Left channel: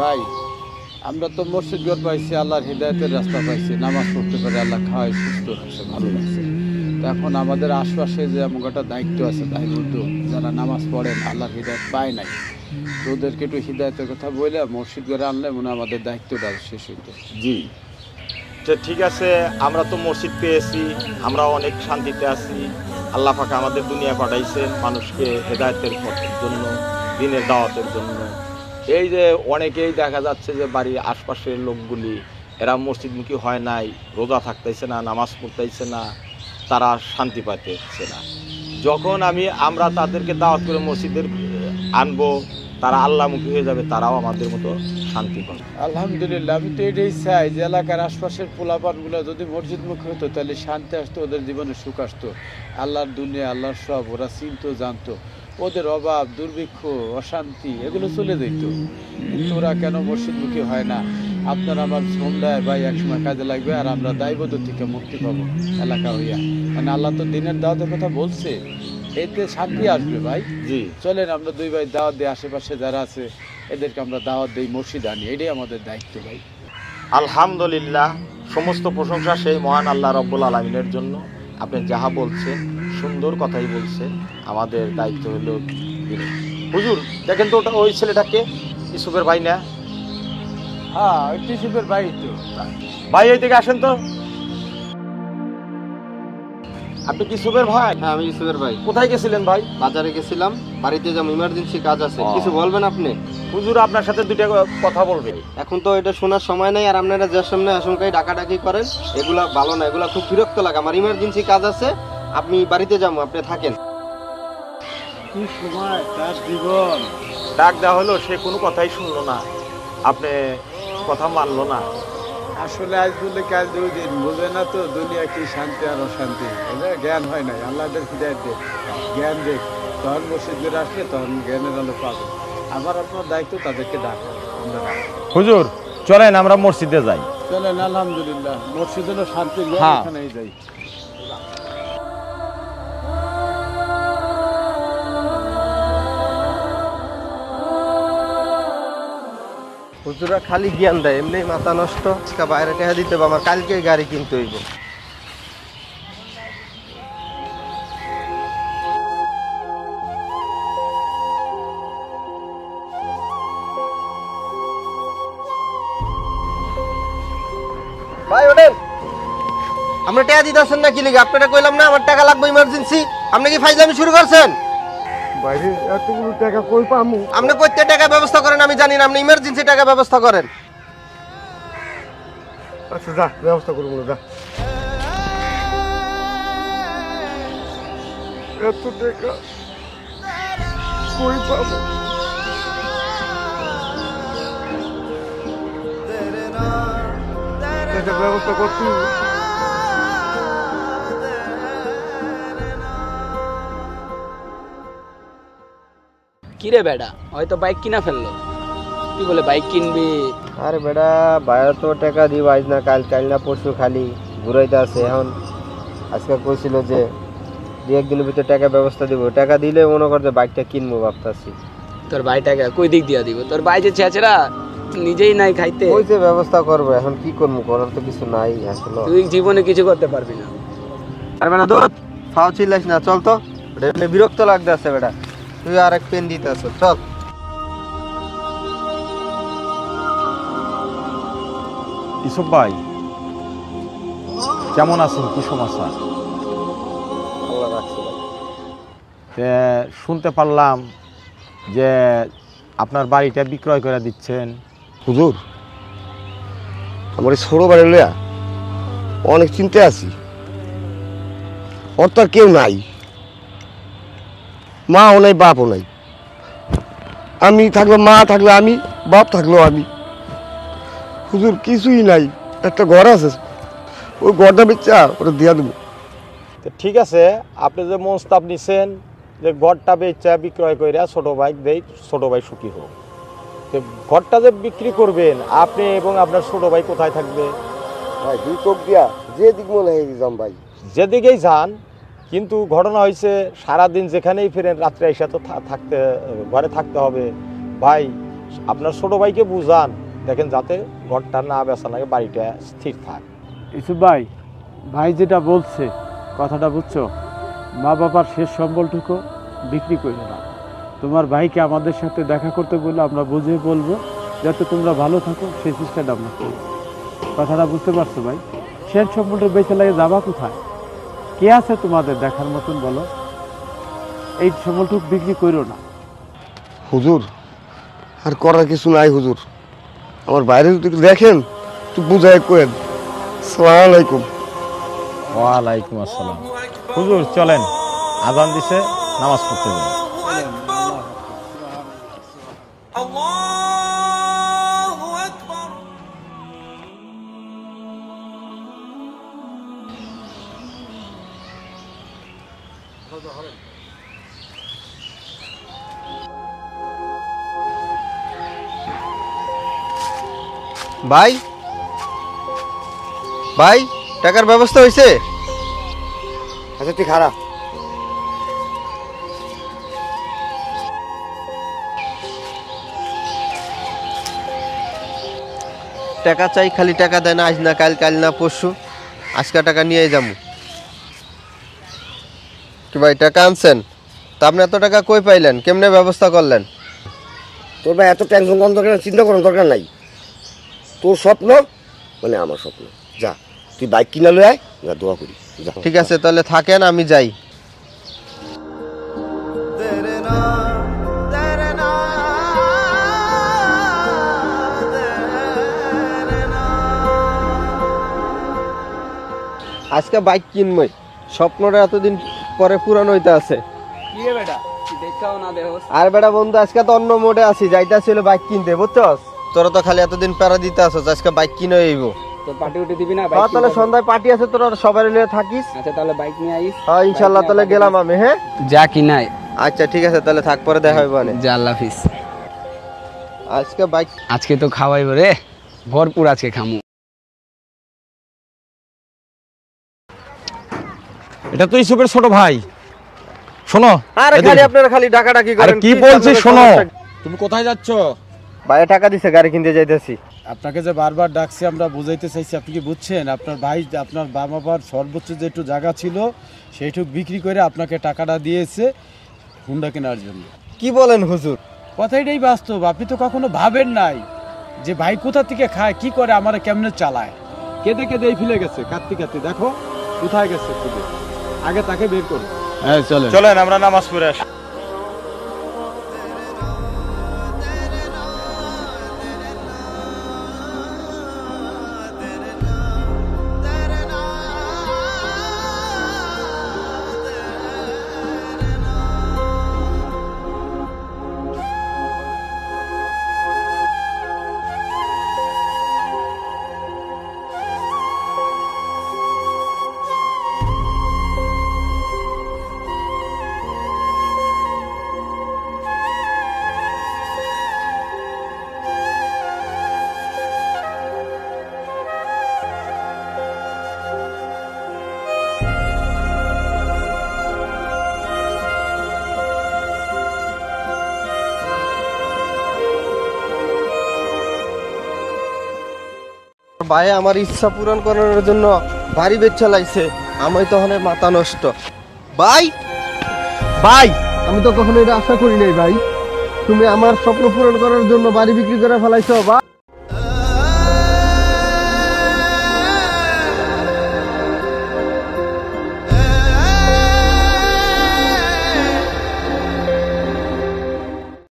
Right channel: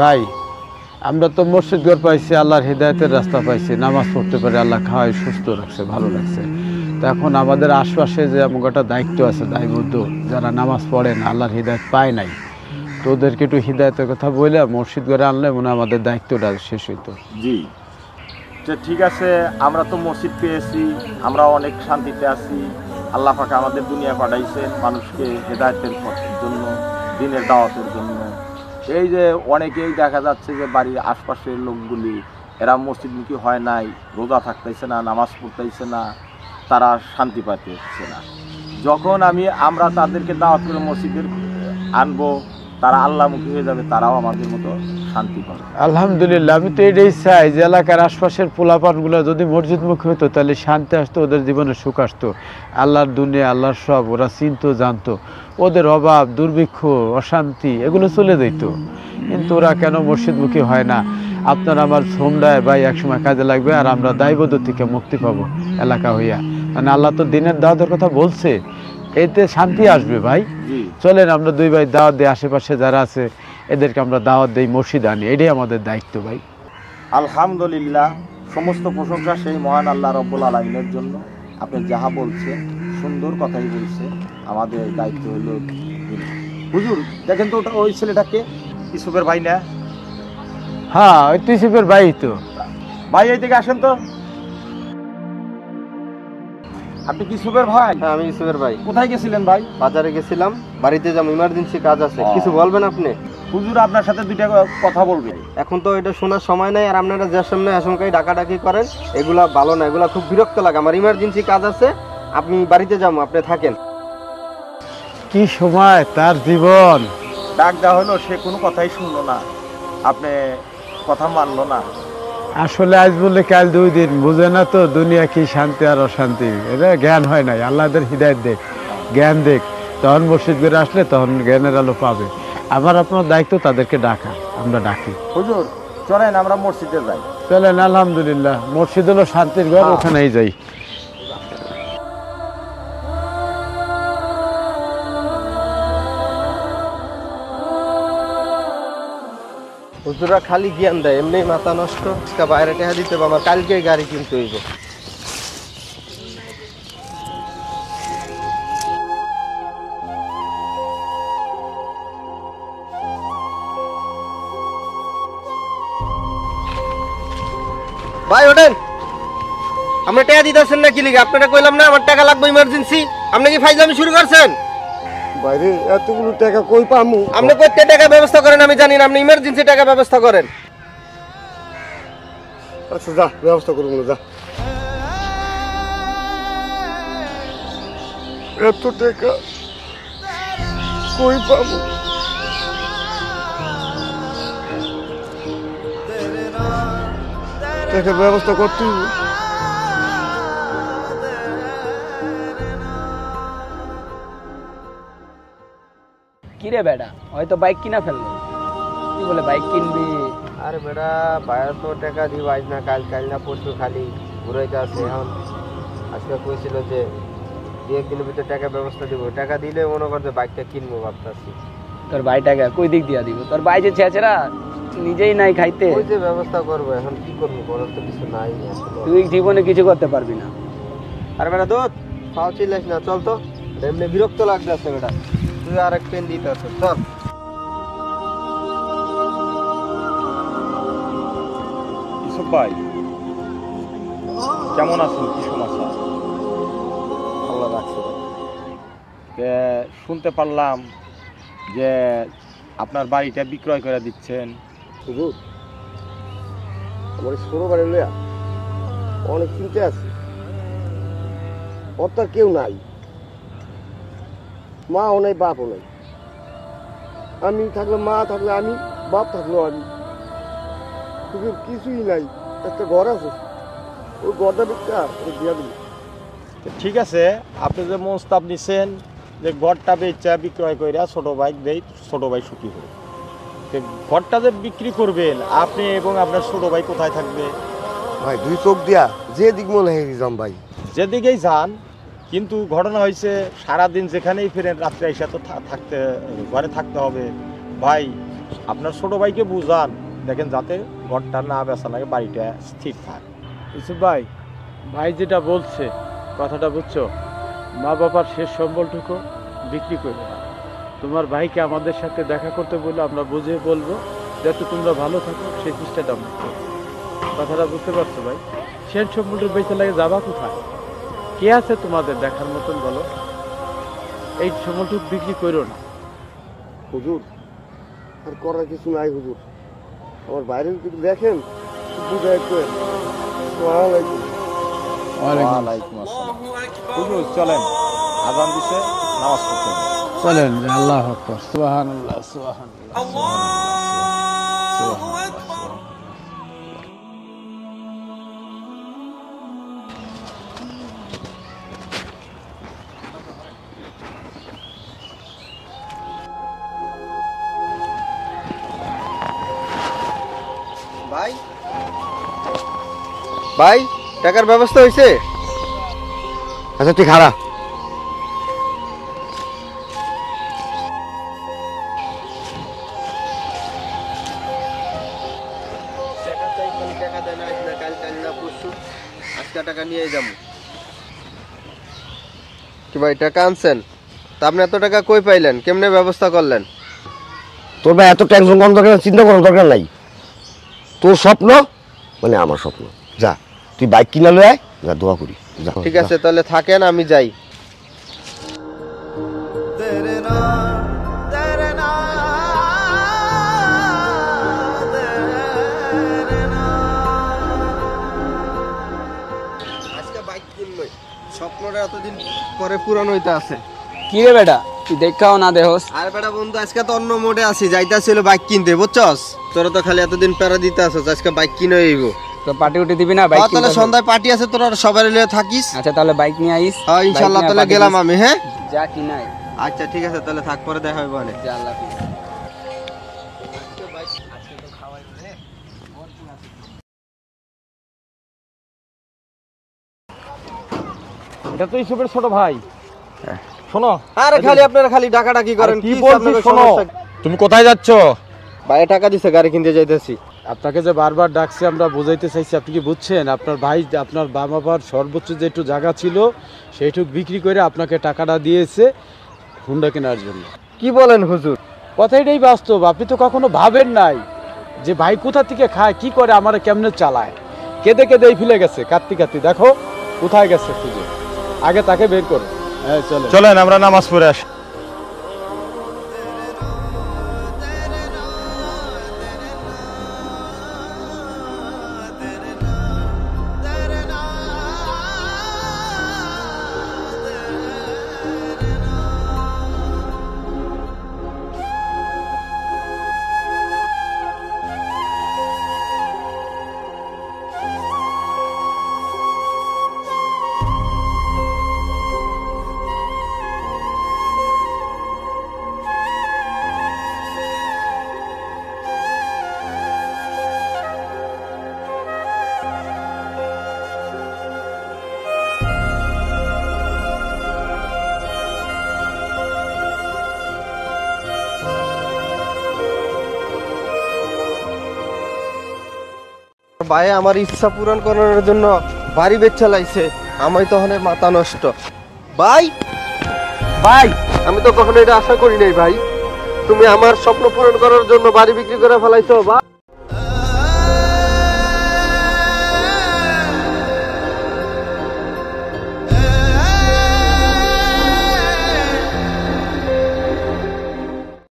ভাই আমরা তো মসজিদ ঘর পাইছি, আল্লাহর হৃদায়তের রাস্তা পাইছি, নামাজ পড়তে পারে, আল্লাহ খাওয়াই সুস্থ রাখছে, ভালো লাগছে। তো এখন আমাদের আশপাশে যে এমন একটা দায়িত্ব আছে, দায়বদ্ধ, যারা নামাজ পড়ে না, আল্লাহর হৃদায়ত পায় নাই, তো ওদেরকে একটু হৃদায়তের কথা বলে মসজিদ ঘরে আনলে মনে হয় আমাদের দায়িত্বটা শেষ হইতো। জি, তো ঠিক আছে, আমরা তো মসজিদ পেয়েছি, আমরা অনেক শান্তিতে আছি। আল্লাহ পাক আমাদের দুনিয়া পাঠাইছেন মানুষকে হেদায়েতের জন্য, দিনের দাওয়াতের জন্য। এই যে অনেকেই দেখা যাচ্ছে যে বাড়ির আশপাশের লোকগুলি এরা মসজিদমুখী হয় নাই, রোজা থাকতেছে না, নামাজ পড়তেছে না, তারা শান্তি পাইতেছে না। যখন আমরা তাদেরকে দাওয়াত করে মসজিদের আনবো, তারা আল্লাহমুখী হয়ে যাবে, তারাও আমাদের মতো শান্তি পাবে। আলহামদুলিল্লাহ, আমি তো এটাই চাই যে এলাকার আশপাশের পোলাপানগুলো যদি মসজিদমুখী হতো তাহলে শান্তি আসতো, ওদের জীবনে সুখ আসতো। আল্লাহর দুনিয়া, আল্লাহর সব ওরা চিনতো, জানতো, ওদের অভাব, দুর্ভিক্ষ, অশান্তি এগুলো চলে যেত। কিন্তু ওরা কেন মসজিদমুখী হয় না? আপনার আমার সন্ধ্যায় ভাই একসময় কাজে লাগবে, আর আমরা দায়বদ্ধ থেকে মুক্তি পাবো এলাকা হইয়া। মানে আল্লাহ তো দিনের দাওয়াতের কথা বলছে, এতে শান্তি আসবে ভাই। চলেন আমরা দুই ভাই দাওয়াত দিই, আশেপাশে যারা আছে এদেরকে আমরা দাওয়াত দিই, মসজিদ আনি, এটাই আমাদের দায়িত্ব ভাই। আলহামদুলিল্লাহ, সমস্ত প্রশংসা সেই মহান আল্লাহ রব্বুল আলামিনের জন্য। আপনি যাহা বলছেন সুন্দর কথাই বলছে, আমাদের দায়িত্ব হলো। হুজুর দেখেন তো ওটা, ওই ছেলেটাকে ইসুফের ভাই না? হ্যাঁ, ওই ইসুফের ভাই তো। ভাই এই দিকে আসেন তো। আপনি কি ইসুফের ভাই? হ্যাঁ, আমি ইসুফের ভাই। কোথায় গেছিলেন ভাই? বাজারে গেছিলাম, বাড়িতে যাবো, ইমার্জেন্সি কাজ আছে। কিছু বলবেন আপনি? হুজুর আপনার সাথে দুইটা কথা বলবে। এখন তো এটা শোনার সময় নেই, আর আপনারা যে সামনে আশঙ্কায় ডাকাডাকি করেন, এগুলা ভালো না, এগুলা খুব বিরক্ত লাগে। আমার ইমার্জেন্সি কাজ আছে, আপনি বাড়িতে যাবো, আপনি থাকেন। কি সময় তার জীবন! ডাক দেওয়া হলো, সে কোনো কথাই শুনলো না, আপনি কথা মানলো না। আসলে আজ বলে কাল 2 দিন, বুঝে না তো দুনিয়া কি শান্তি আর অশান্তি, এটা জ্ঞান হয় নাই। আল্লাহদের হৃদায়ত দেখ, জ্ঞান দেখ, তখন মসজিদ করে আসলে তখন জ্ঞানের আলো পাবে। আবার আপনার দায়িত্ব তাদেরকে ডাকা, আমরা ডাকি। হুজুর চলেন আমরা মসজিদে যাই। চলেন, আলহামদুলিল্লাহ, মসজিদ হলো শান্তির ঘর, ওখানেই যাই। হুজুরা খালি জ্ঞান দেয়, এমনি মাথা নষ্ট। আজকে বাইরে টেহা দিতে হবে, আমার কালকে গাড়ি কিনতে হইব। ভাই ওঠেন, আপনি টাকা দিতেছেন না কি লিখে? আপনারা কইলাম না আমার টাকা লাগবে ইমার্জেন্সি, আপনি কি ফাইজলামি শুরু করছেন? বাইরে এতগুলো টাকা কই পামু? আপনি কইতে টাকা ব্যবস্থা করেন আমি জানি না, আপনি ইমার্জেন্সি টাকা ব্যবস্থা করেন। আচ্ছা যা, ব্যবস্থা করবো, যা। এত টাকা কই পাবো? টাকার ব্যবস্থা করতে হবে। কিরে বেটা, হয়তো বাইক কিনা ফেললো, তুই বলে বাইক কিনবি? আরে বেটা, বাইরে তো টাকা দিব আজ না কাল, কাল না পরশু খালি ঘুরাইতে আছে। এখন আজকে কইছিল যে 2-1 দিনের ভিতরে টাকা ব্যবস্থা দিব, টাকা দিলে মনে কর যে বাইকটা কিনবো ভাবতাছি। তোর ভাই টাকা কই দিক দিয়া দিব? তোর ভাই যে চেঁচেরা, নিজেই নাই খাইতে, ওই যে ব্যবস্থা করবো, এখন কি করবো, করার তো কিছু নাই আসলে। তুই জীবনে কিছু করতে পারবি না। আরে বেটা তোর ফাও ছিলাস না, চল তো, এমনি বিরক্ত লাগতে আছে বেটা। তুই আর এক পেন দিতে আছো, চল। ইসুফ ভাই কেমন আছেন? কুসুম আছেন? শুনতে পারলাম যে আপনার বাড়িটা বিক্রয় করে দিচ্ছেন। হুজুর, আমার এই ছোট বাড়ি লইয়া অনেক চিন্তা আছি। ওর তো আর কেউ নাই, মাও নাই, বাপও নাই। আমি থাকলে মা, থাকলে আমি, বাপ থাকলেও আমি। হুজুর কিছুই নাই, একটা ঘর আছে, ওই ঘরটা বেচা ওটা দিয়া দেবো। ঠিক আছে, আপনি যে মনস্তাব নিছেন যে ঘরটা বেচা বিক্রয় করে ছোট ভাই দেই, ছোট ভাই সুখী হোক। ঘরটা যে বিক্রি করবেন আপনি এবং আপনার ছোট ভাই কোথায় থাকবে? ভাই 2 চোখ দিয়া যে দিক মনে হয় যাম ভাই, যেদিকেই যান, কিন্তু ঘটনা হয়েছে সারাদিন যেখানেই ফেরেন রাত্রে এসে তো ঘরে থাকতে হবে। ভাই আপনার ছোট ভাইকে বুঝান, দেখেন যাতে ঘরটা না বেচা লাগে, বাড়িটা স্থির থাক। ইসুফ ভাই, ভাই যেটা বলছে কথাটা বুঝছো, মা বাবার শেষ সম্বলটুকু বিক্রি করবে না। তোমার ভাইকে আমাদের সাথে দেখা করতে বললে আমরা বুঝিয়ে বলবো, যাতে তোমরা ভালো থাকো সেই চেষ্টাটা আমরা করবো। কথাটা বুঝতে পারছো ভাই? শেষ সম্বলটা বেঁচে লাগে যাবা কোথায়? কে আছে তোমাদের দেখার মতন বলো? এই সম্বলটুকু বিক্রি করো না। হুজুর আর করার কিছু নাই হুজুর, আমার বাইরে যদি একটু দেখেন তো বুঝাই কোয়েন। আসসালামু আলাইকুম। ওয়ালাইকুম আসসালাম। হুজুর চলেন, আজান দিছে, নামাজ পড়তে হবে। চলেন, আল্লাহ আকবার, সুবহানাল্লাহ, সুবহানাল্লাহ। ভাই ভাই, টাকার ব্যবস্থা হয়েছে? আচ্ছা তুই খারাপ। টাকা চাই, খালি টাকা দেয় না, আজ না কাল, কাল না পরশু। আজকে টাকা নিয়েই যাবো। কি ভাই, টাকা আনছেন? তা আপনি এত টাকা কই পাইলেন, কেমনে ব্যবস্থা করলেন? তোর ভাই এত টেনশন করার দরকার, চিন্তা করার দরকার নাই। তোর স্বপ্ন মানে আমার স্বপ্ন। যা তুই বাইক কিনে লয়ে আয়, যা দোয়া করি। যা। ঠিক আছে, তাহলে থাকেন, আমি যাই। আজকে বাইক কিনবই, স্বপ্নটা এতদিন পরে পুরান হইতে আছে। কি রে বেটা, তুই দেখাও না দেহস? আর বেটা বন্ধু, আজকে তো অন্য মোডে আছি, যাইতাছিল বাইক কিনতে, বুঝছস? তোরা তো খালি এতদিন প্যারা দিতে আসছ, আজকে বাইক কিনে হইব। তো পার্টি উঠে দিবি না বাইক? তাহলে সন্ধ্যায় পার্টি আছে, তোরা সবাই মিলে থাকিস। আচ্ছা তাহলে বাইক নিয়ে আইস। হ্যাঁ ইনশাল্লাহ, তাহলে গেলাম আমি। হ্যাঁ যা কিনাই। আচ্ছা ঠিক আছে, তাহলে থাক, পরে দেখা হইব। যা, আল্লাহ হাফিজ। আজকে বাইক আজকে তো খাওয়াইব রে, ভরপুর আজকে খামু। এটা তো ইসুফের ছোট ভাই। শোনো, আরে খালি আপনারা খালি ডাকাডাকি আরে করেন। কি বলছিস শোনো, তুমি কোথায় যাচ্ছ? ভাই টাকা দিছে, গাড়ি কিনতে যাইতেছি। আপনাকে যে বারবার ডাকছি, আমরা বোঝাইতে চাইছি, আপনি কি বুঝছেন? আপনার ভাই, আপনার বাবার সর্বোচ্চ যে একটু জায়গা ছিল সেইটুকু বিক্রি করে আপনাকে টাকাটা দিয়েছে হুন্ডা কেনার জন্য। কি বলেন হুজুর? কথাটাই বাস্তব। আপনি তো কখনো ভাবেন নাই যে ভাই কোথা থেকে খায়, কি করে, আমার কেমনে চালায়। কেঁদে কেঁদে ফেলে গেছে, কাঁদতে কাঁদতে। দেখো কোথায় গেছে, আগে তাকে বের করো। হ্যাঁ চলে, চলেন আমরা নামাজ পড়ে আসি। ভাই আমার ইচ্ছা পূরণ করার জন্য বাড়ি বেচা লাইছে, আমি তখন মাথা নষ্ট। ভাই ভাই, আমি তো কখনো এটা আশা করি নাই ভাই, তুমি আমার স্বপ্ন পূরণ করার জন্য বাড়ি বিক্রি করে ফেলাইছো ভাই।